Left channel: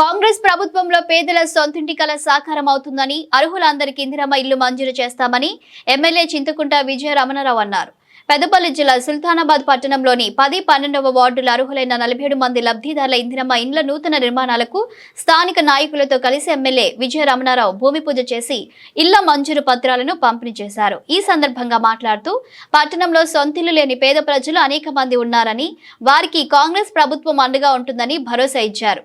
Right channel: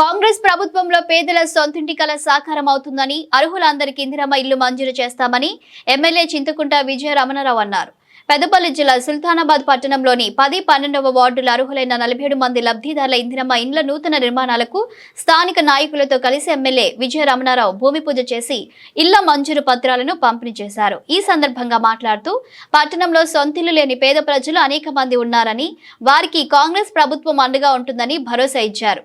కాంగ్రెస్ ప్రభుత్వంలో పేదల సొంతింటి కల సాకారం అవుతుందని అర్హులందరికీ ఇందిరమ్మ ఇల్లు మంజూరు చేస్తామని ఎమ్మెల్యే చింతకుంట విజయ రమణారావు అన్నారు. పెద్దపల్లి జిల్లా సుల్తానాబాద్ పట్టణంలోని 10-12వ వార్డుల అర్హులైన 47 మంది లబ్ధిదారుల ఇందిరమ్మ ఇండ్ల నూతన నిర్మాణాలకు స్థానిక నాయకులతో కలిసి ఎమ్మెల్యే విజయ రమణారావు భూమి పూజ చేసి ఇళ్ల మంజూరు పత్రాలను పంపిణీ చేశారు. ఈ సందర్భంగా మాట్లాడుతూ పట్టణంలో సొంతిల్లు లేని పేద ప్రజలు అనేక మంది ఉన్నారని, వారికి కాంగ్రెస్ ప్రభుత్వం అండగా ఉంటుందని భరోసా ఇచ్చారు.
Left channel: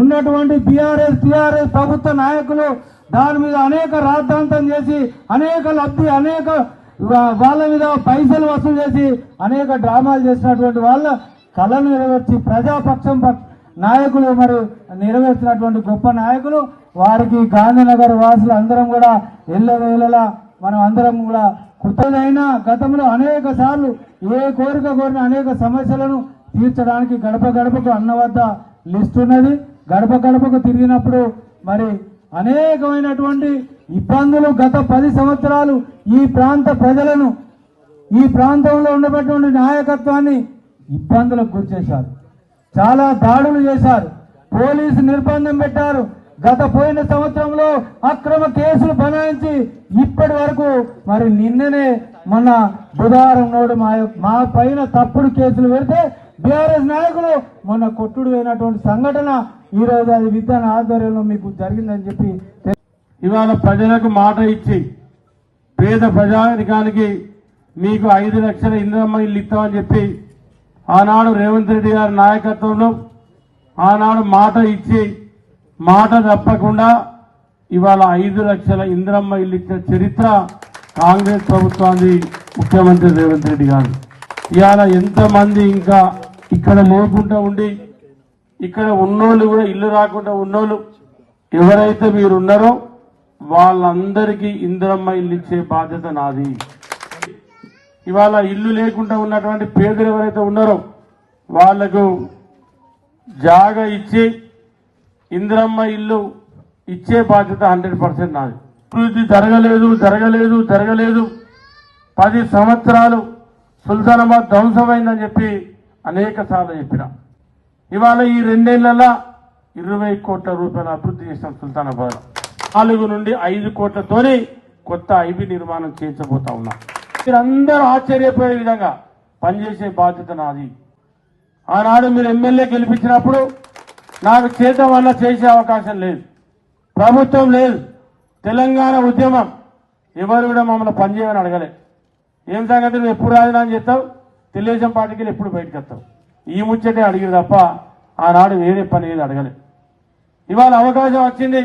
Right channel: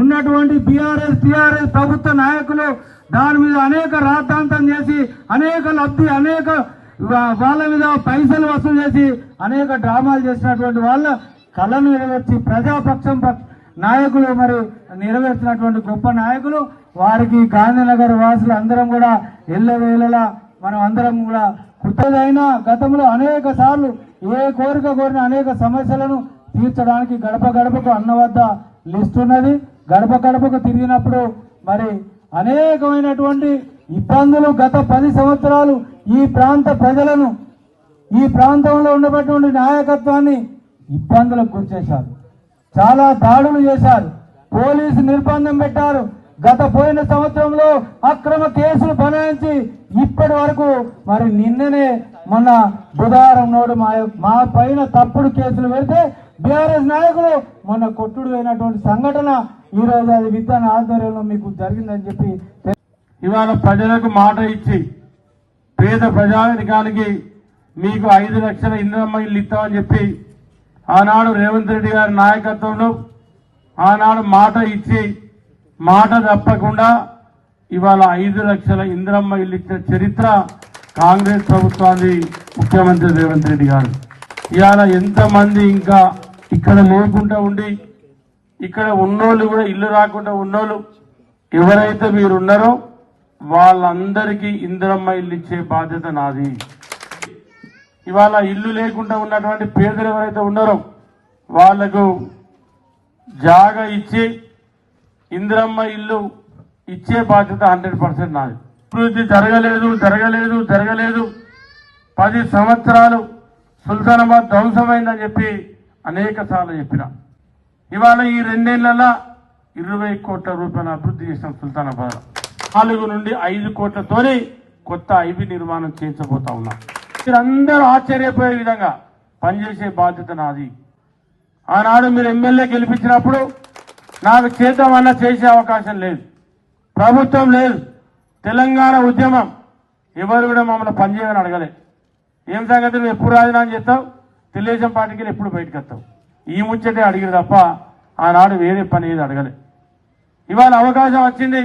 ఉన్నటువంటి టిఆర్ఎస్ ప్రభుత్వ నాయకులు దాని మీద అనేక రాద్ధాంతం చేసి అనేక వాళ్ళ మీద పైసలు వసూలు చేసి అనేక డ్రామాలు చేసినటువంటి వాళ్ళ కళను నెరవేర్చి ప్రజాపక్షం నాయకులు మరి నెరవేర్చినటువంటి గొప్ప నాయకులు వారికి గాంధీనగర్ వాసులు అందరం కూడా ఎల్లవేళలా మనం అందరం కూడా కృతజ్ఞతైన గతంలో అనేక సార్లు ఏ కోరిక కోరిన అనేక సమస్యలను తీర్చడానికి గడప గడపకు అన్న వద్ద లిస్ట్ ఉన్నది. గడప గడపకు తిరిగినప్పుడు మరి అనేకమైనటువంటి ఇబ్బందులు గత 10 సంవత్సరాలు ఈ ప్రాంత ప్రజలను ఈ ప్రాంతంలో ఉన్నటువంటి నాయకత్వాన్ని ఇబ్బందులకు గురిచేశారు. చాలా దాడులు చేశారు. పోలీసు నిర్బంధం పెట్టారు. పోయిన సంవత్సరంలో అక్రమ కేసులు బనాయించి ఇప్పటి వరకు మరి నిన్ననే మొన్న బుధవారం నాడు మా పైన తప్పుడు కేసులు పెడితే బీఆర్ఎస్ నాయకులు మొన్న కొట్టుడు అయినటువంటి సంఘటన ఈ రోజు అది విధాన ఆధ్వర్యంలో మీకు జరిగిందని చెప్పి ఇవాళ ప్రజలకు మాట ఇచ్చి పేద ప్రజానికానికి మీకు 5 లక్షల ఇందిరమ్మ ఇల్లు ఇస్తామని చెప్పి ఆనాడు రేవంత్ రెడ్డి గారి నాయకత్వంలో ఆనాడు మాట ఇచ్చి మాట తప్పకుండా ఇవాళ 5 లక్షల ఇందిరమ్మ ఇల్లు ఇచ్చిన చరిత్ర కాంగ్రెస్ ప్రభుత్వాన్ని ముఖ్యమంత్రి రేవంత్ రెడ్డి గారు. ఇవాళ ఎంతమంది ఇంకా ఇక్కడ లేకుండా ఉండి ఇక్కడ ఉన్నోళ్ళు కూడా ఇల్లు రాకుండా ఉన్నోళ్ళు ఎవరైతే మీరు ఉన్నారో వాళ్ళందరికీ ఇందిరమ్మ ఇల్లు ఇచ్చే బాధ్యత నాది. ఇవాళ ఇల్లు లేకుండా ఉన్నటువంటి పేదలు ఎవరైతే ఉన్నారో వాళ్లకు జాగా ఇచ్చి ఇందిరమ్మ ఇల్లు ఇచ్చే బాధ్యత 100% నాది. అభివృద్ధి జరగలేదు 10 సంవత్సరాలు సుల్తానాబాద్ ధ్వంసమైందని చెప్పి అనేక సార్లు చెప్పినాం. ఇవాళ ఈ 2 ఏళ్లలో 20 కోట్ల రూపాయల అభివృద్ధి చేసినాం. సుల్తానాబాద్ 4 నుండి 5 కోట్లతోనే కొత్త ఐబీ నిర్మాణం చేయించబోతా ఉన్నాం. మీరందరూ ఆశ్చర్యపోయే విధంగా పనిచేసే బాధ్యత నాది. ఆనాడు మీరు ఎమ్మెల్యే గెలిపించినప్పుడు నాకు చేతం వల్ల చేసే అవకాశం లేదు, ప్రభుత్వం లేదు. తెలంగాణ ఉద్యమం ఎవరు కూడా మమ్మల్ని పనిచేయమని అడగలే. ఏం సంగతి నువ్వు ఎప్పుడు రాజీనామా చేస్తావు, తెలుగుదేశం పార్టీకి ఎప్పుడు బయటకు వస్తావు, ఈ ముచ్చటే అడిగారు తప్ప ఆనాడు వేరే పని ఏది అడగలే. ఇవాళ అవకాశం వచ్చింది,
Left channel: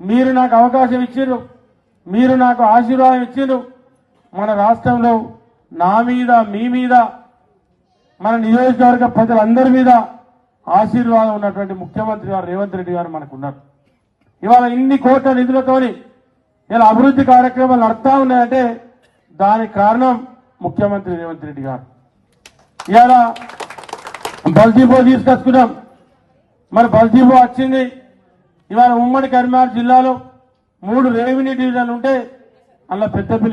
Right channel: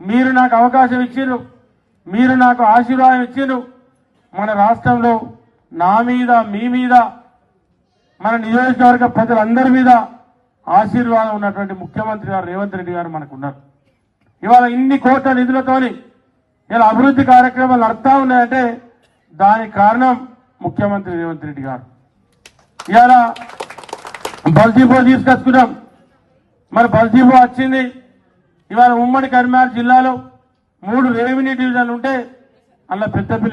మీరు నాకు అవకాశం ఇచ్చిర్రు, మీరు నాకు ఆశీర్వాదం ఇచ్చిర్రు. మన రాష్ట్రంలో నా మీద మీ మీద మన నియోజకవర్గ ప్రజలందరి మీద ఆశీర్వాదం ఉన్నటువంటి ముఖ్యమంత్రి గారు రేవంత్ రెడ్డి గారు మనకున్నారు. ఇవాళ ఇన్ని కోట్ల నిధులతోని ఇలా అభివృద్ధి కార్యక్రమాలు నడుస్తా ఉన్నాయంటే దానికి కారణం ముఖ్యమంత్రి రేవంత్ రెడ్డి గారు. ఇవాళ బల్జీబో తీసుకొచ్చుకున్నాం. మరి బల్జీబో వచ్చింది. ఇవాళ ఉమ్మడి కరీంనగర్ జిల్లాలో 3 రెవెన్యూ డివిజన్లు ఉంటే అందులో పెద్దపల్లి